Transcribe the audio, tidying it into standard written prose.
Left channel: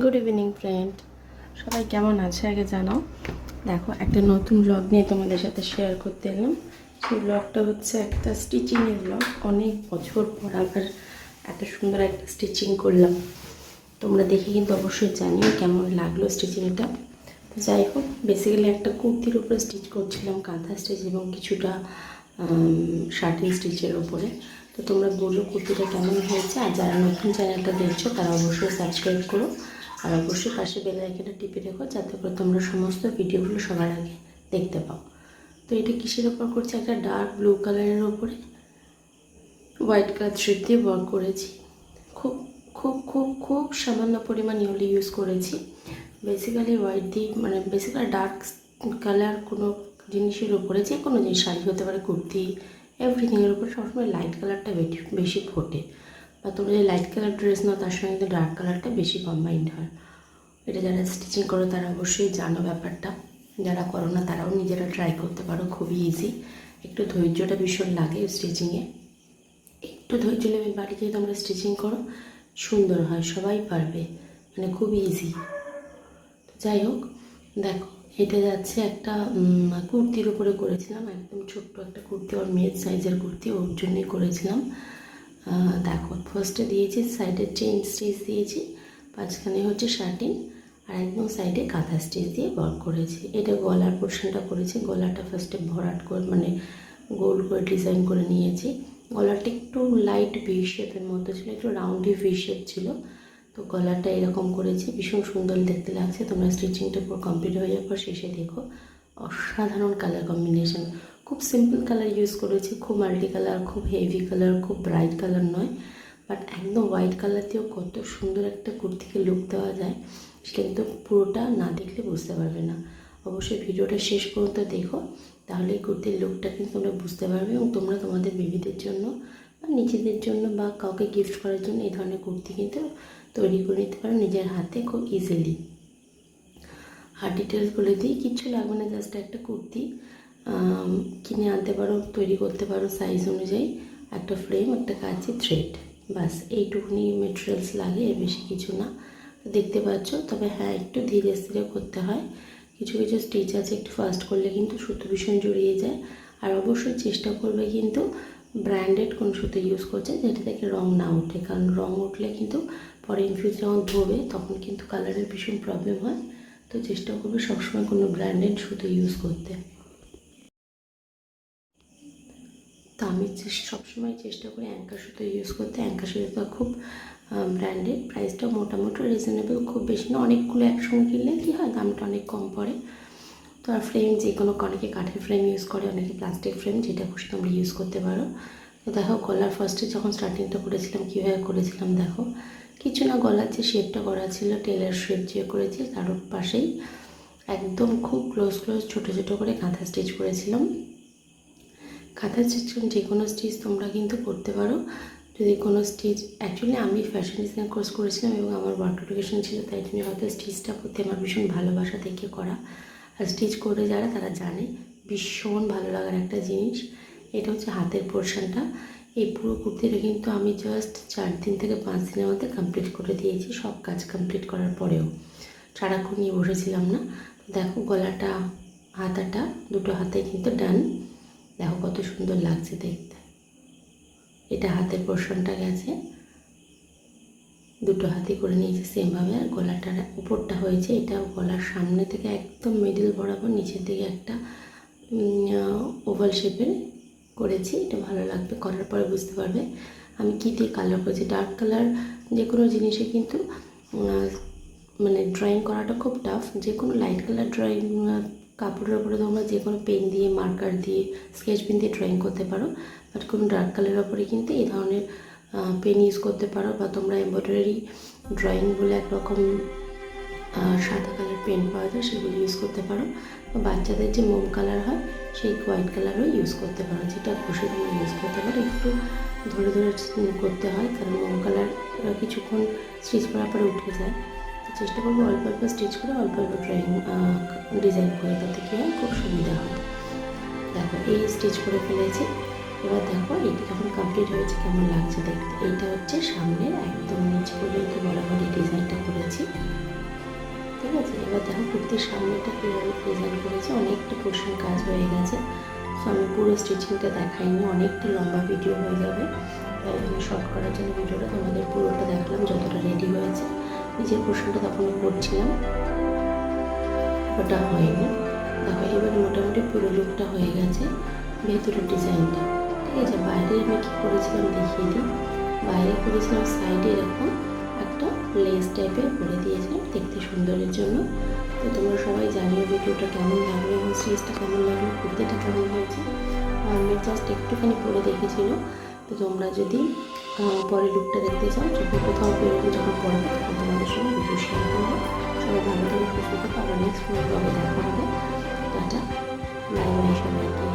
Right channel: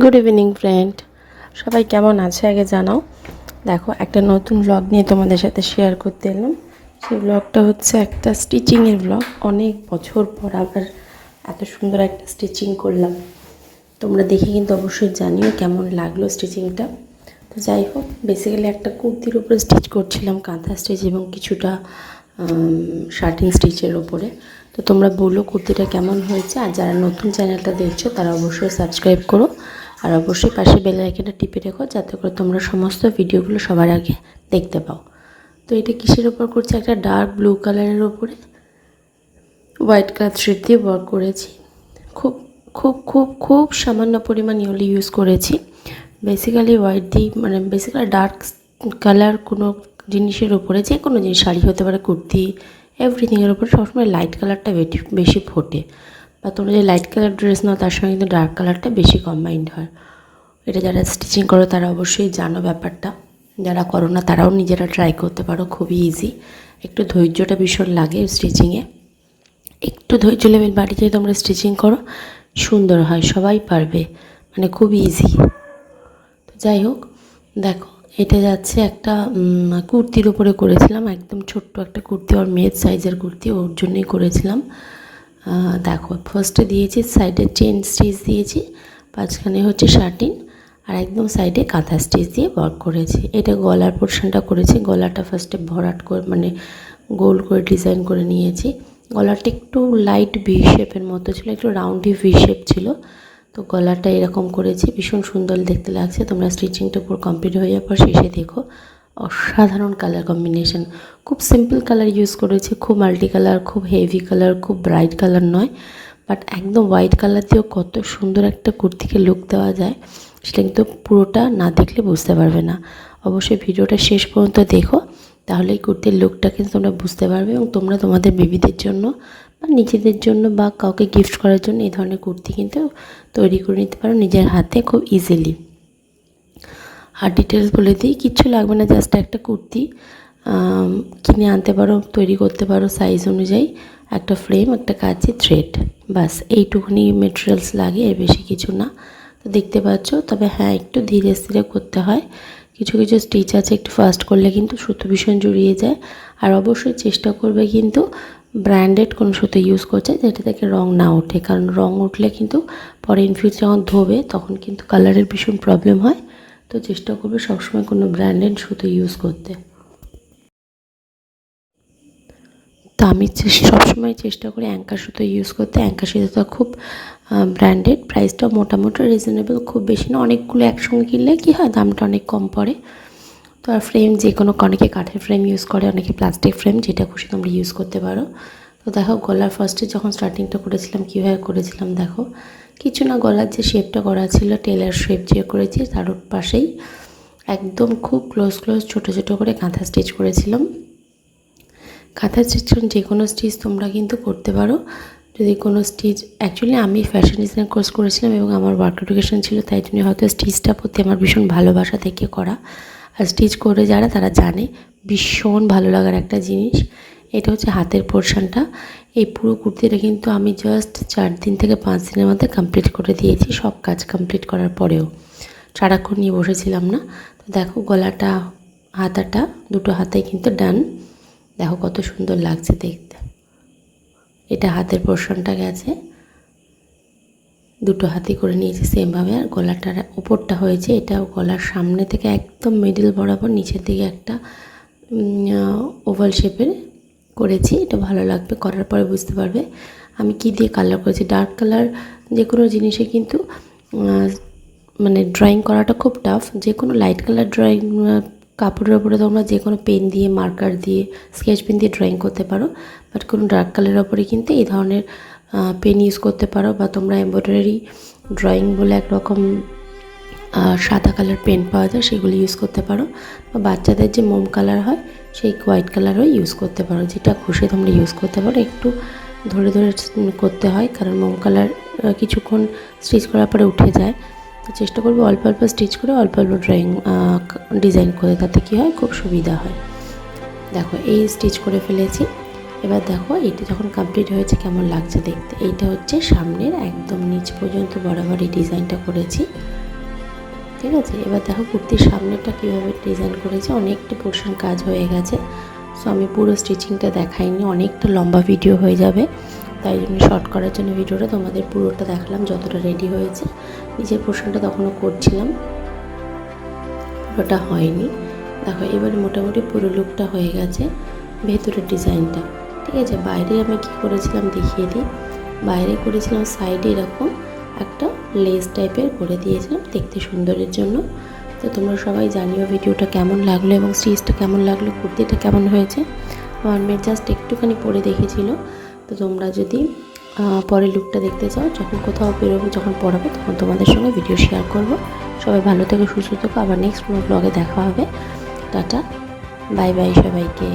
Good evening friend, সবাই কেমন আছে আগে জানাও। দেখো, একটা নতুন ব্লগ নিয়ে তোমাদের সাথে শেয়ার করতে এলাম। সেই ব্লগটা হচ্ছে একটা স্টিচিংয়ের ব্লগ। অনেক বছর পর আবার এত সুন্দর একটা স্টিচিং করলাম। তোমরা দেখে কিন্তু অবশ্যই জানিও কেমন লাগলো স্টিচিংটা। তো যাই হোক, বেসিক্যালি একটা কুর্তির উপরে স্টিচ করছিলাম, কাঁথা স্টিচ এবং কিছুটা শার্টিং স্টিচের ওপরে। তো তোমরা বলো কুর্তিটা কেমন হয়েছে। আর যারা নতুন চ্যানেলটা দেখছো তারা অবশ্যই সাবস্ক্রাইব করো, আর অবশ্যই পাশে বেল আইকনটা টিপে রেখো যাতে করে তোমরা সমস্ত ভিডিওগুলো সবার আগে দেখতে পাও। তো এটা কিসের ওপর করছি? একটা ডার্ক ব্লু কালারের ওপরে হোয়াইট কালার থ্রেড দিয়ে ওয়ার্ক করেছি। খুব খুব খুব খুব সামান্য পরিমাণ ইউলি ইউজ করেছি। বেসিক্যালি হোয়াইট দিয়ে বেসিক্যালি ডার্ক কালার কোনো জিনিসের ওপরে, যে কোনো জিনিস, শাড়ি হতে পারে, কুর্তি, এভরিথিংয়ের ওপরে সবসময় লাইট কালারটা বেশি ফোটে। বা তোমরা যে লাইট কালার ড্রেস নাও তার সঙ্গে কিন্তু ডার্ক কালারটা বেশি কম্বাইন্ড হয়। এটা যারা স্টিচিং করো তারা অবশ্যই জানো ব্যাপারটা। যারা করো না তারাও নিজেরা ট্রাই করতে পারো, খুবই ইজি। একটু ধৈর্যটা ভীষণ লাগে স্টিচিংয়ে। একটু ধৈর্য লেভেল বাড়ি যেয়ে তোমরা স্টিচিং করো, সুন্দর হয়, সবাই পারবে, খুব ইজি। তো যাই হোক, দেখো এটা যাচ্ছে একটা কুর্তির উপরে করেছিলাম, একদম ছোট্ট একটা কুর্তি, ওর মেয়ের সাইজের কুর্তি, ওর জন্যই করেছিলাম। দেখো, ফার্স্টে দিয়েছি সাইডে চেন স্টিচ দিয়েছি, মাঝখানে হচ্ছে শার্টিন, আর একদম সাইডে কাঁথা স্টিচ দিয়ে ওয়ার্ক করেছি। এটা গলার পোর্শনটা করেছি। গলাটা ফার্স্টে ভরাট করে গোল করে ডিজাইন করে নিয়েছি। গলাটা একটু লাইট ভি শেপের মতো ছিল, একটু রাউন্ডি ভি শেপ ছিল। তো গলাটা এরকম করেছি, ভীষণ সুন্দর দেখতে লাগছে। তোমরা স্টিচিংটা পুরো কমপ্লিট হয়ে যাওয়ার পর শেষে দেখো, অসাধারণ কালার কম্বিনেশন। খুব সিম্পল কালার ইউজ করেছি, খুব মাল্টি কালার, খুব হেভি কালার, খুব ব্রাইট কালার নয়, বাট একদম হোয়াইট কালার দিয়েও কত সুন্দর একটা কুর্তিকে লুক দেওয়া যায় সেটা কিন্তু পুরোটা না দেখলে বুঝতে পারবে না। অবশ্যই ভিডিওটা শেষ পর্যন্ত দেখো, তাহলে এই কুর্তির লুকটা কিন্তু তোমরা বুঝতে পারবে, এবং তোমরা তোমাদের বেবিদের জন্য বা নিজেদের জন্য বা কাউকে গিফট করার জন্য এই ধরনের কুর্তি কিন্তু তৈরি করে নিতে পারো নিজের হাতে খুব ইজিলি। আর ডিটেলস বলে দিই, কিচ্ছু লাগবে না, জাস্ট একটা কুর্তি কিনে আনতে পারো, তৈরি করতে পারো সাইজ অনুযায়ী, একটা ফ্রেম, একটা কাঁচি, থ্রেড, বাস এইটুকুনি মেটেরিয়ালস লাগে, এর বেশি কিছু না। তো দেখতে পাচ্ছ, তবে হ্যাঁ, একটু ধীরে স্থিরে করতে হয়। কিছু কিছু স্টিচ আছে একটু ফাস্ট করলে কিন্তু সুতো ভীষণ জড়িয়ে যায়। আর অবশ্যই চেষ্টা করবে কিন্তু ব্র্যান্ডেড কোনো সুতো ইউজ করছে যেটা থেকে রং না ওঠে, কারণ রং উঠলে কিন্তু পরে ইন ফিউচার যখন ধোবে তখন কিন্তু কালারের ভীষণ প্রবলেম হয়। তো চেষ্টা করবে সবসময় কোনো ব্র্যান্ডেড সুতো ইউজ করতে। তো আমি সবসময় চেষ্টা করি অ্যাঙ্কার সুতো ইউজ করতে। অ্যাঙ্কার সুতোটা খুব ব্র্যান্ডেড, প্রাইসটাও মোটামুটি রিজনেবল, খুব বেশি না। অনেকগুলো একসঙ্গে কিনলে কী হয়, দামটা অনেক কম পড়ে। তো আর ফ্রেম যে কোনো, অনেকে কাঠের ফ্রেম ইউজ করে, অনেকে প্লাস্টিক ফ্রেম, যেটা খুশি তোমরা ইউজ করতে পারো। তো দেখো, গলার ফার্স্টে যখন স্টার্টিংটা করেছিলাম কীভাবে করেছিলাম দেখো, কিছু না, গলার যে শেপটা করা ছিল টেলার শেপ যে করেছি তার পাশেই একদম খুব ক্লোজ ছোটো ছোটো করে কাঁথা স্টিচ করেছিলাম। কাঁথা স্টিচ যে কোনো স্টিচ তোমরা কিন্তু করতে পারো। যদি কোনো স্টিচ, অ্যাকচুয়ালি আমি ফ্যাশন ডিজাইন কোর্স করেছিলাম এবং আমার ওয়ার্ক এডুকেশন ছিল, তাই জন্য হয়তো স্টিচটা প্রতি আমার ভীষণ ভালোবাসা থেকে করা। আর স্টিচ করে যারা তারা জানে, ভীষণ ভালো লাগার একটা জিনিস। এটা হচ্ছে হাতের পোর্শনটা। এই পুরো কুর্তিটা কিন্তু আমি জাস্ট 4 দিন থেকে 5 দিনের মধ্যে কমপ্লিট করে দিয়েছি, সব কাজ কমপ্লিট করার পরেও। সারাক্ষণ নিয়ে বসেছিলাম না। তো দেখো, গলাটা, হাতাটা, দুটো হাতাই কিন্তু ডান। দেখো কত সুন্দর লাগছে দেখতে। এটা হাতের পোর্শনটা গেছে, দুটো হাতি করে নিয়েছি সেমভাবে। আর গলাটার উপরটা হয়েছে, এটা গলার সামনে থেকে একদম মিডল বরাবর নিচের দিকে একটা ওভাল শেপের করেছি। এটা ভালো লাগবে, করার পরে বুঝতে পারবে আমি কি দিয়ে কালার করেছি। ডার্ক কালার যে কোনো জিনিসে কিন্তু ড্রয়িং করাটা খুব টাফ। যে কোনো লাইট কালার ড্রয়িং কাপড়ের ওপরে তোমরা যে কোনো পেন দিয়ে, মার্কার দিয়ে, স্কেচ পেন দিয়ে ড্রয়িং করতে পারো, বাট কোনো ডার্ক কালারের ওপরে কিন্তু এই ধরনের পেন ইউজ করতে পারো। বা তোমরা এমব্রয়ডারি ড্রয়িং বলে একরকম সাদা কালার পেন পাওয়া যায়, সেগুলো ইউজ করতে পারো। বা বাচ্চাদের যে মোম কালার হয় সেই হোয়াইট কালারও ইউজ করতে পারো, যেটা খুশি তোমরা ইউজ করতে পারো। একটু ধরে ধরে করতে হয়, কারণ মোম কালার কিছুক্ষণ স্টিচ করার পরে উঠে যায়। তো চেষ্টা করবো অল্প অল্প স্টিচ করে অল্প অল্প ড্রয়িং ডিজাইন করে, তাতে কী হয়, খুব সুবিধা হয়। দেখো, এই স্টিচ করে ফেলেছি। এবার দেখো এটা যখন কমপ্লিট হয়েছে কেমন লাগছে দেখতে। এইটা হচ্ছে সামনের একদম নিচ পর্যন্ত বরাবর এই ডিজাইনটা করেছি। ঠিক আছে। এবার দেখো কুর্তির সামনেটা কীভাবে ডিজাইন করেছি, অনেকটা পোর্শন কাজ হয়ে গেছে। সো আমি পুরো স্টিচিংটা দেখাইনি, অনেকটা লম্বা ভিডিও হয়ে যাবে, তাই জন্য শর্ট করার জন্য ভিডিওটা তোমাদের পুরোটা দেখলাম যতটা রেডি হয়েছে। নিচের পোর্শনটা তখনও করছিলাম, ওটা হয়নি। দেখো এবার মোটামুটি পুরো লুকটা হয়ে গেছে, ভেতরের ডিজাইনটা। ঠিক আছে, বাইরে আমি কী করেছিলাম দেখিয়ে দিই। বাইরে করেছিলাম সাইডে এরকম একটা লেস টাইপের করে দিয়েছিলাম দেখতে সুন্দরের জন্য। তো তোমরা সবাই জানিও ভিডিওটা কেমন লাগলো এবং স্টিচটা কেমন লাগলো, কুর্তিটা কেমন হয়েছে। আমার মেয়ে জাস্ট একটুখানি পরে দেখেছিল। তো তোমরা যদি পরে লুকটা দেখতে চাও, যখন কোথাও বেরোবো, যখন পড়াবো, তখন তোমাদের সঙ্গে ভিডিও শেয়ার করবো। সবাই ভালো থেকে সুস্থ থেকো, আবার নেক্সট ব্লগে দেখা হবে। টাটা, বাই বাই সবাইকে।